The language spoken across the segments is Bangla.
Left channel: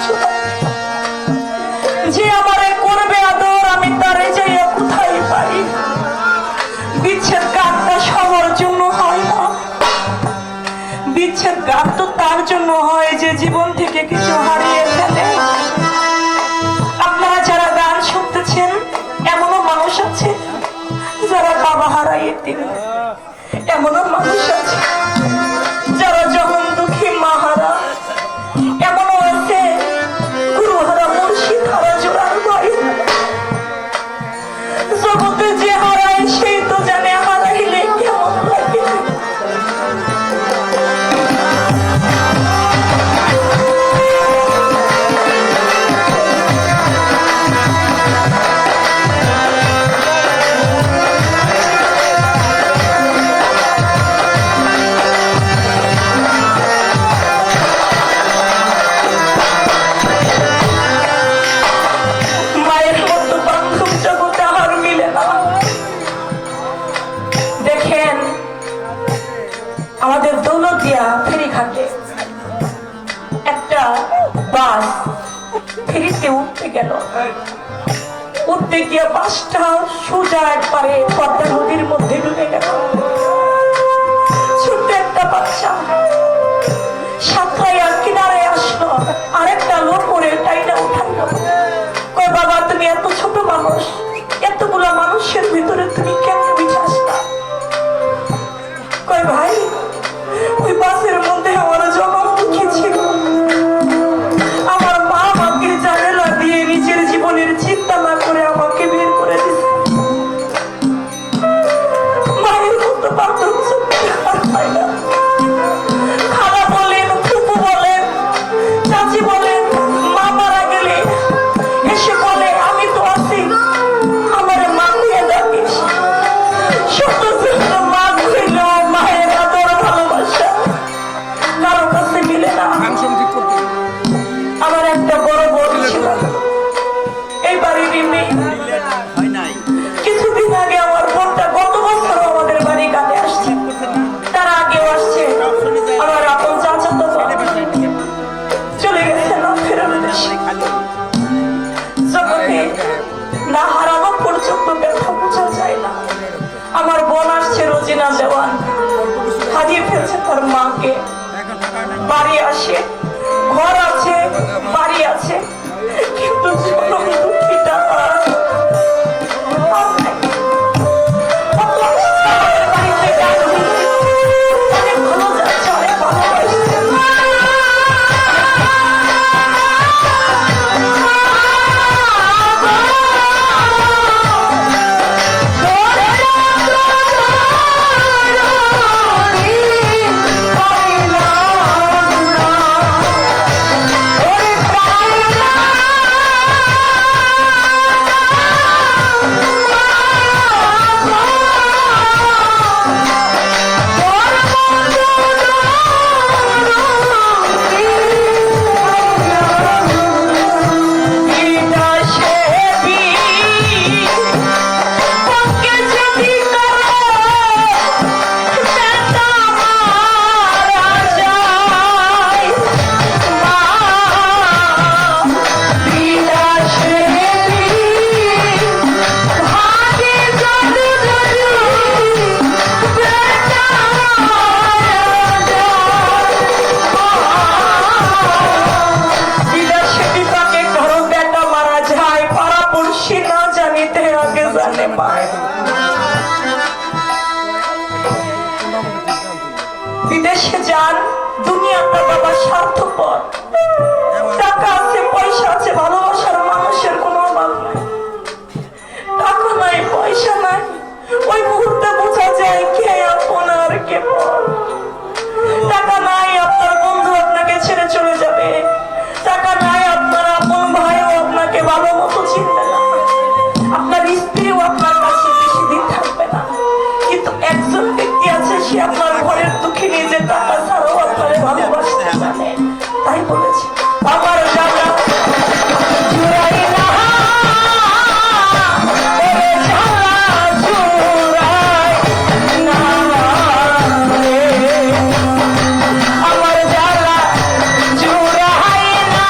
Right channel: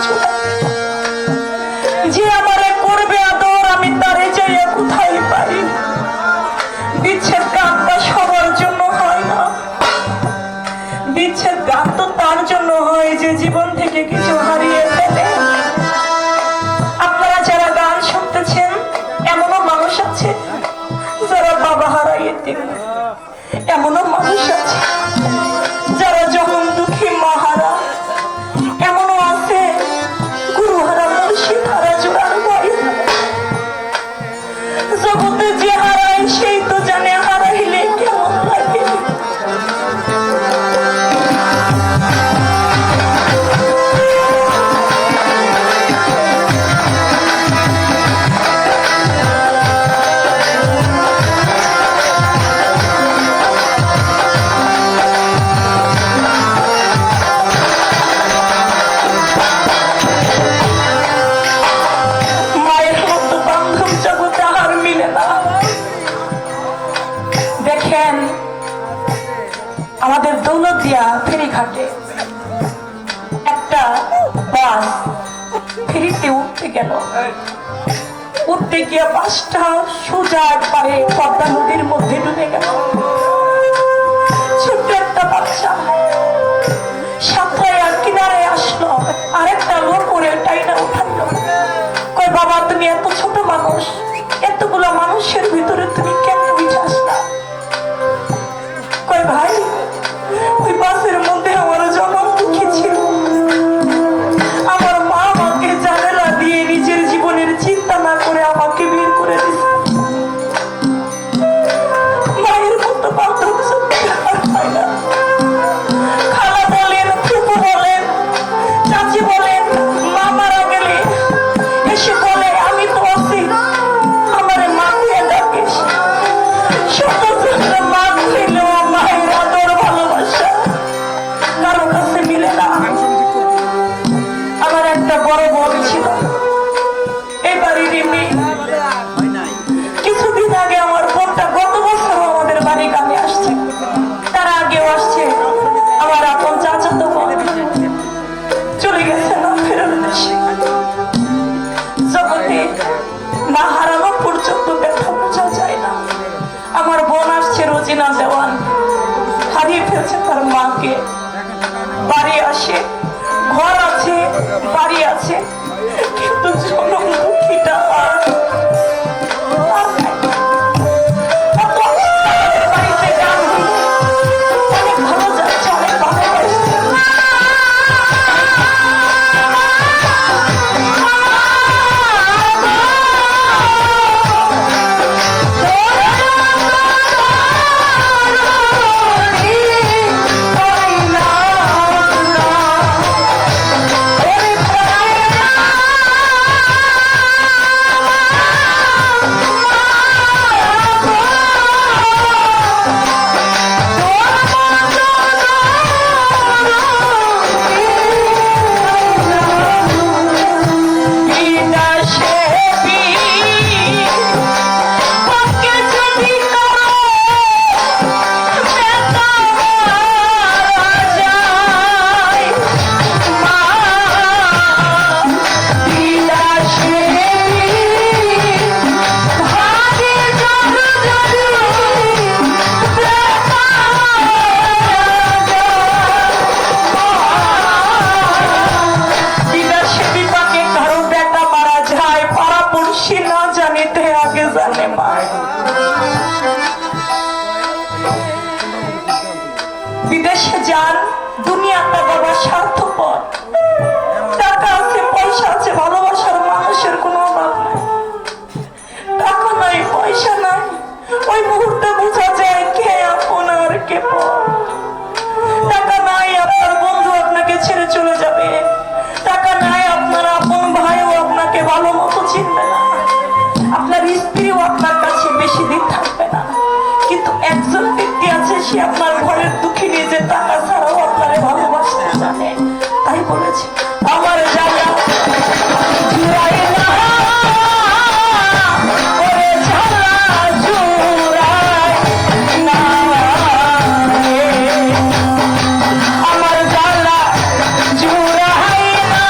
কিছু নাই। যে আমারে করবে আদর আমি তারে যাইয়া কোথায় পাই? বিচ্ছেদ গানটা সবার জন্য হয় না, বিচ্ছেদ গান তো তার জন্য হয় যে জীবন থেকে কিছু হারিয়ে ফেলে। আপনারা যারা গান শুনতেছেন এমনও মানুষ আছে যারা বাবা হারাইয়ে দিন, এমনও মানুষ আছে যারা যখন দুঃখী মা হারা, এমনও আছে গুরু হারা মুর্শিদ হারা জোড়ার ভয়। জগতে যে হারায় সেই তো জানে হারাইলে কেমন লাগে। দেখেন আমাদের দৌলতদিয়া ফেরিঘাটে একটা বাস ফেরিতে উঠতে গেল, উঠতে গিয়ে বাসটা সোজা একবারে পদ্মা নদীর মধ্যে ডুবে গেল। ছোট্ট একটা বাচ্চা সাঁতরাইয়া কিনারে আসলো, আরেকটা লোক ওরে টাইনা উঠাইলো। কয় বাবা তুমি এত ছোট মানুষ, এতগুলো মানুষের ভিতরে তুমি কেন বিচে আসলা? কয় ভাই ওই বাসের মধ্যে আমার জনম দুঃখী ছিল, আমার মা আমাকে জানালা দিয়ে নিজের জীবনের চিন্তা না করে আমাকে বের করে দিছে। মায়ের মতো বান্ধব পায় না। খালা বলেন, ফুপু বলেন, চাচি বলেন, মা মারা গেলে এসে বলে আমি তো আছি, আমার মা হয়ে ডাকিস। ছোট ছোট মা হইল মায়ের আদর ভালোবাসা কারো কাছে মিলে না। আমার একটা বড় বোন ছিল, এই বাড়ির মেয়ে। কিছুদিন আগে আমার বোনটা গত বছর আমাদের বাড়ি গানে আসছে, তার আগেও আসছে। আমার আপন চাচাতো বোন চলে গেছে না ফেরত দেশে। জগতে না হারানো পর্যন্ত ব্যথা বোঝা যায় না। আমার বোন আসছে রোজিনা দেওয়ান, হারিয়ে ফেলছে তার মাকে। বাড়ি আসে, ঘর আছে, বাড়ি আছে, কিন্তু জনম দুঃখীটা আর নাই। কত আমাদের বাড়িতে গান হইলে অনেক ভালো যাচ্ছে, অনেক ভালো হয়েছে। বিদেশে যান, দুনিয়াটা বাবা স্বার্থপর। টাকা আছে, পয়সা আছে, ভালোবাসার মানুষের কোনো অভাব নাই। টাকা নাই, পয়সা নাই, ওই মুহূর্তে বোঝা যায় কে আপন আর কে পর। টাকা নাই, আপনার বন্ধু আপনাকে ছেড়ে চলে যাবে। টাকা নাই, আপনার আপন ভাইও আপনাকে ভালো মতো চিনবে না, আপনার স্ত্রীও আপনার কাছে বেশি দিন থাকবে না। কিন্তু একজন ব্যক্তি আছে, সে আপনার ঘরের দুঃখী নিজে টাকা ছাড়াও আপনারে ভালোবাসতে জানে। তাই বলেছে আমার জানা আমার জ্বালা জুড়াই না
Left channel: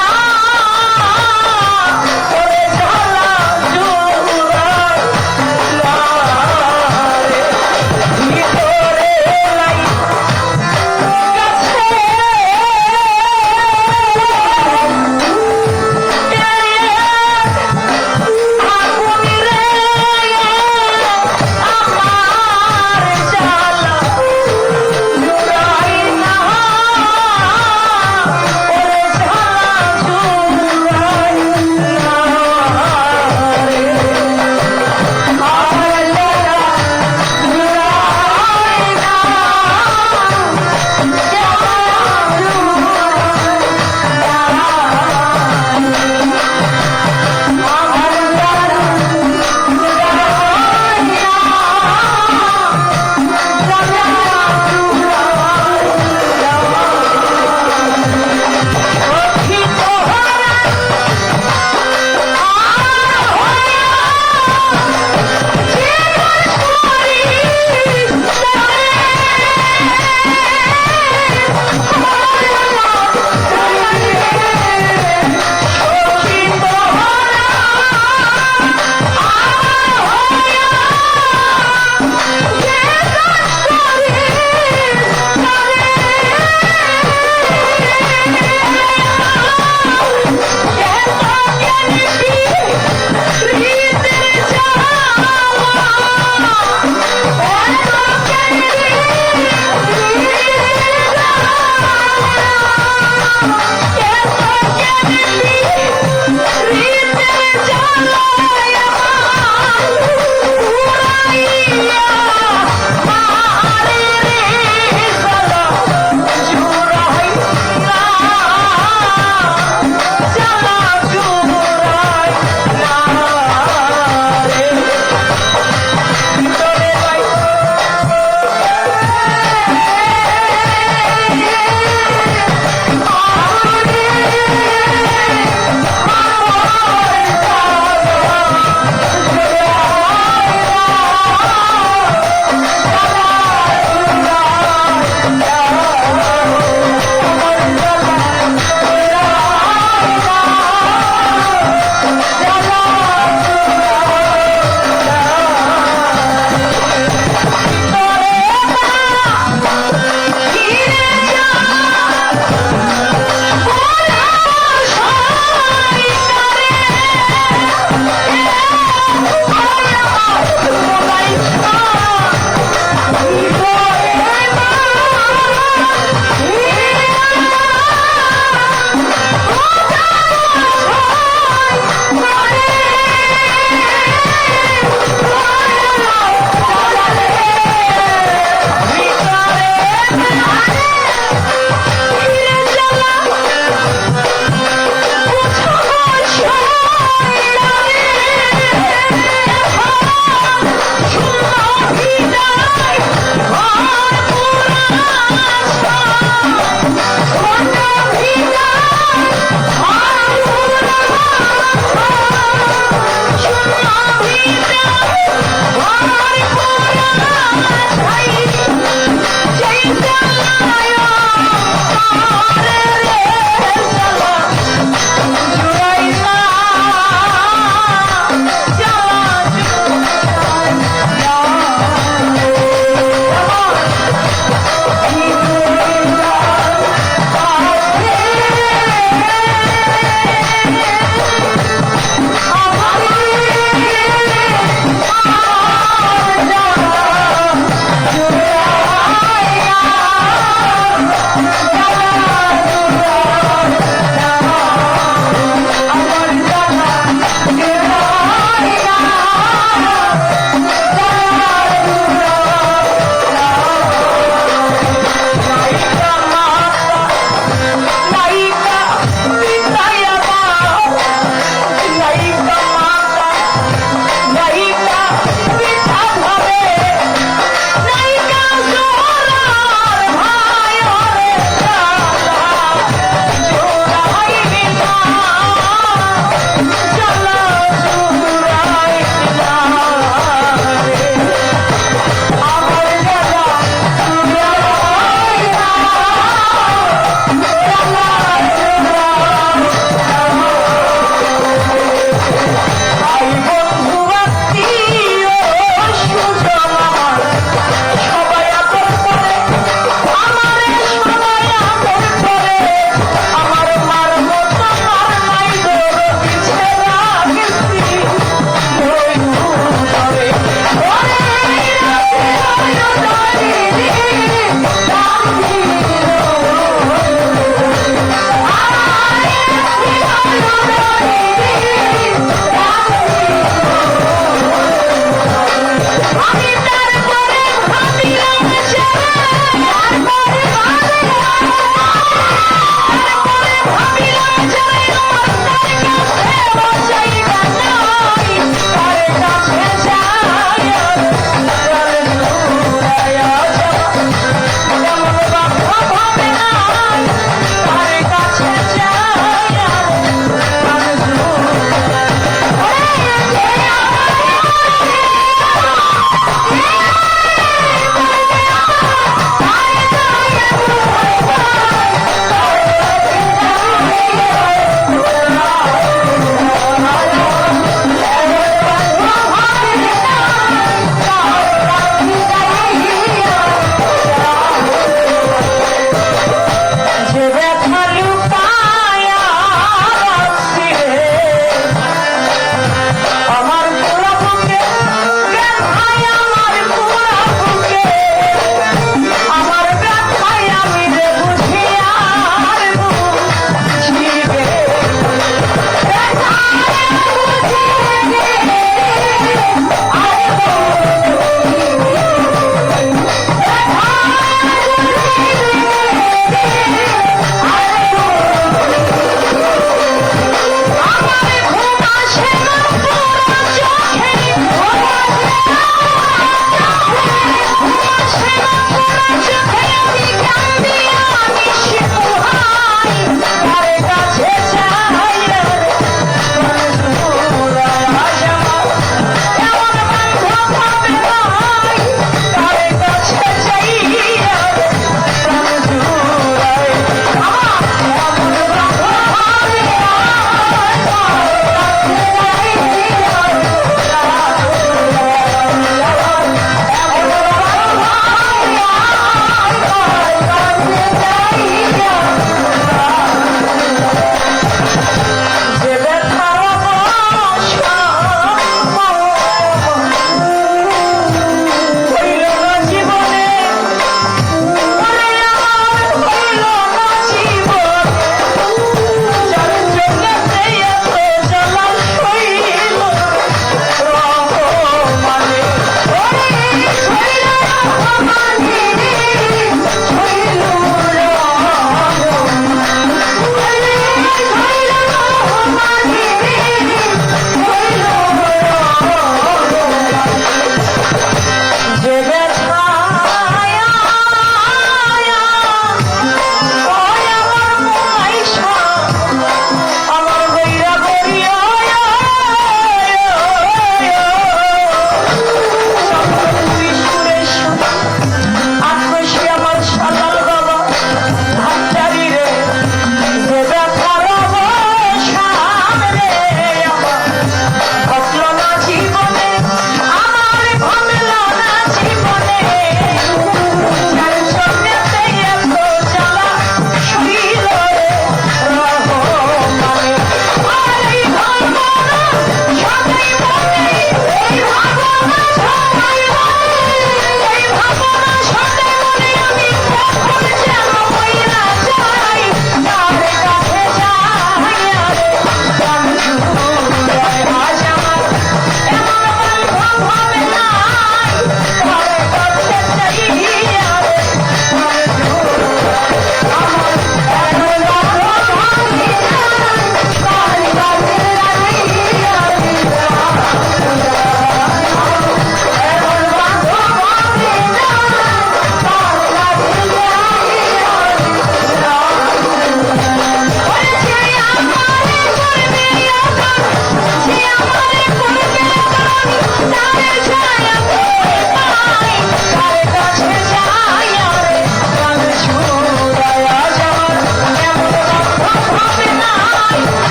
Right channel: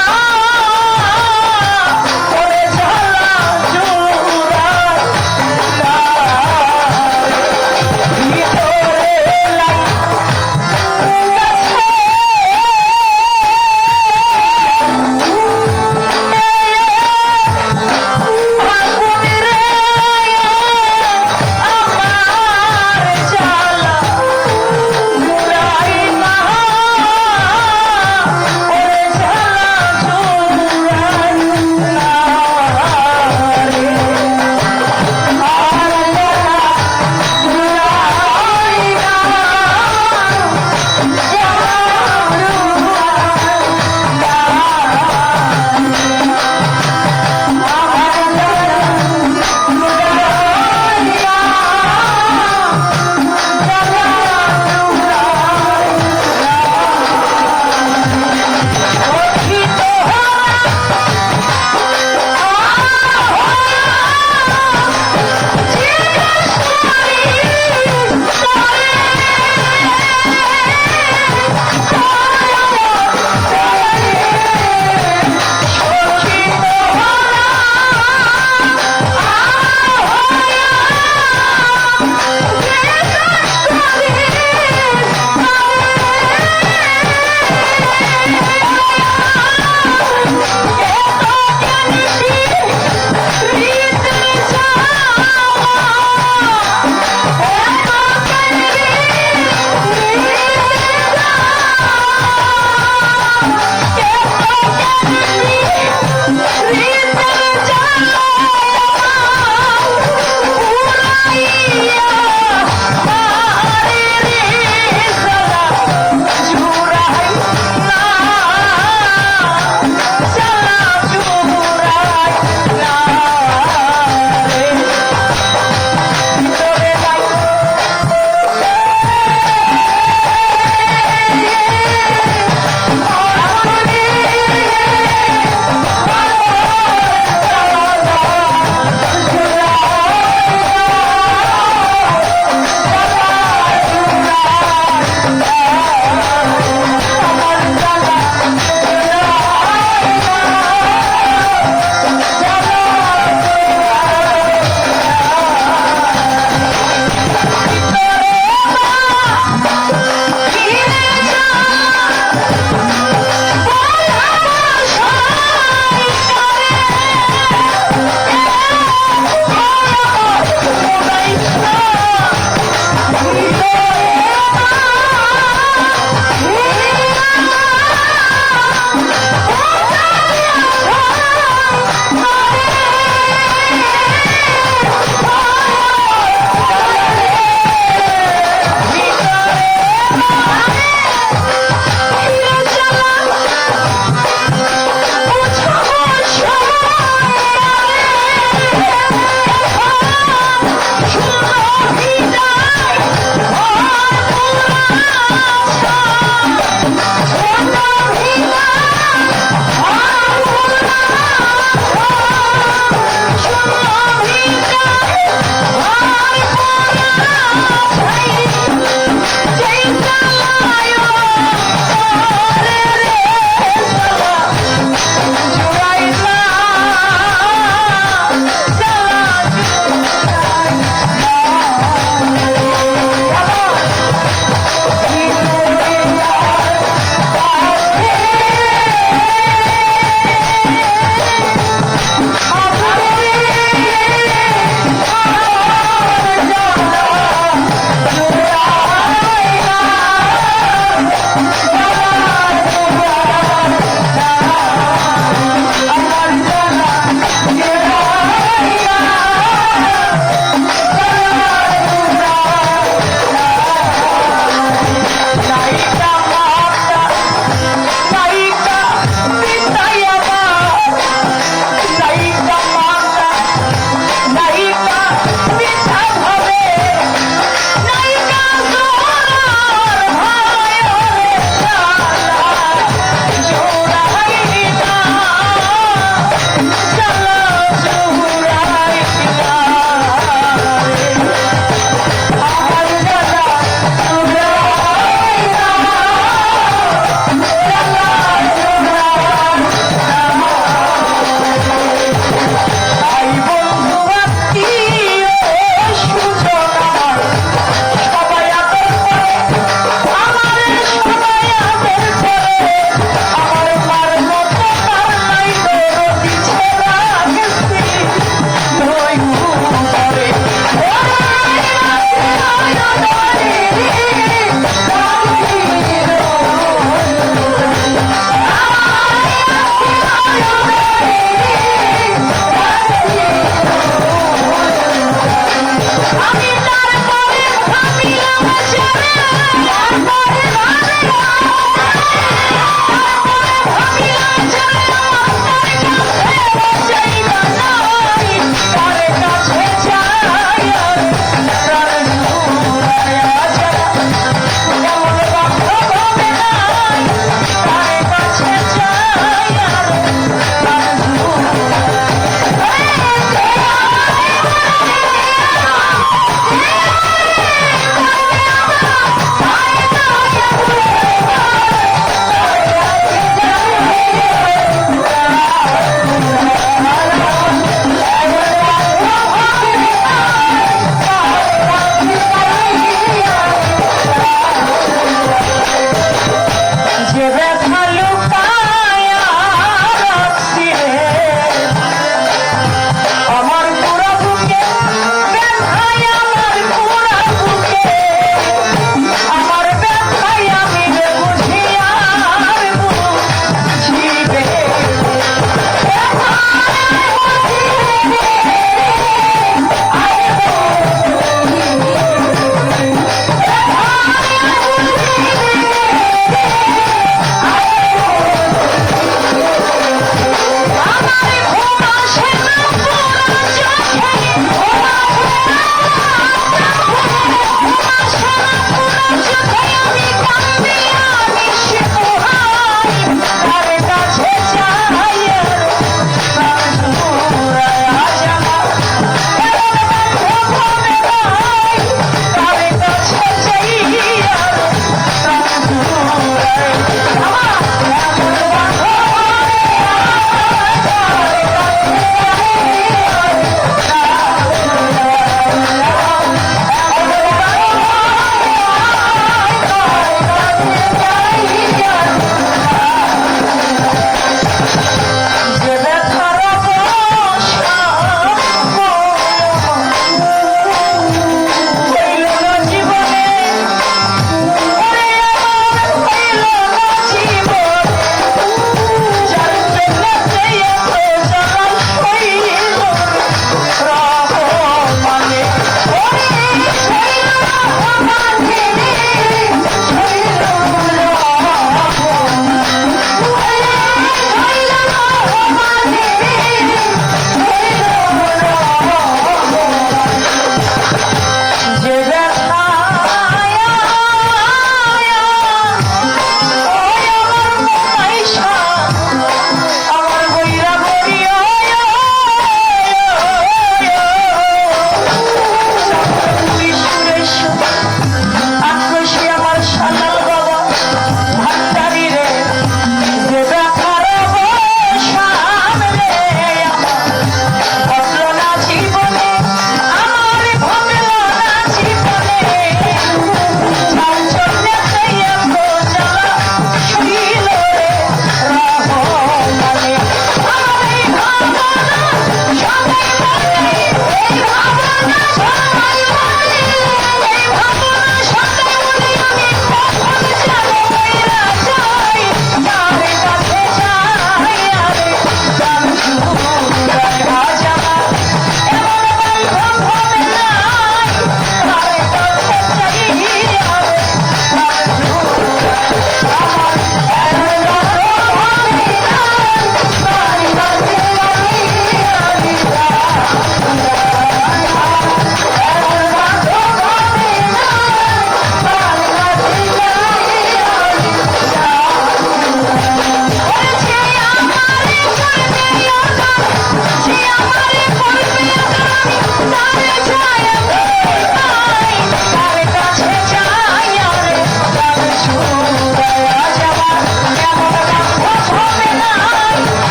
না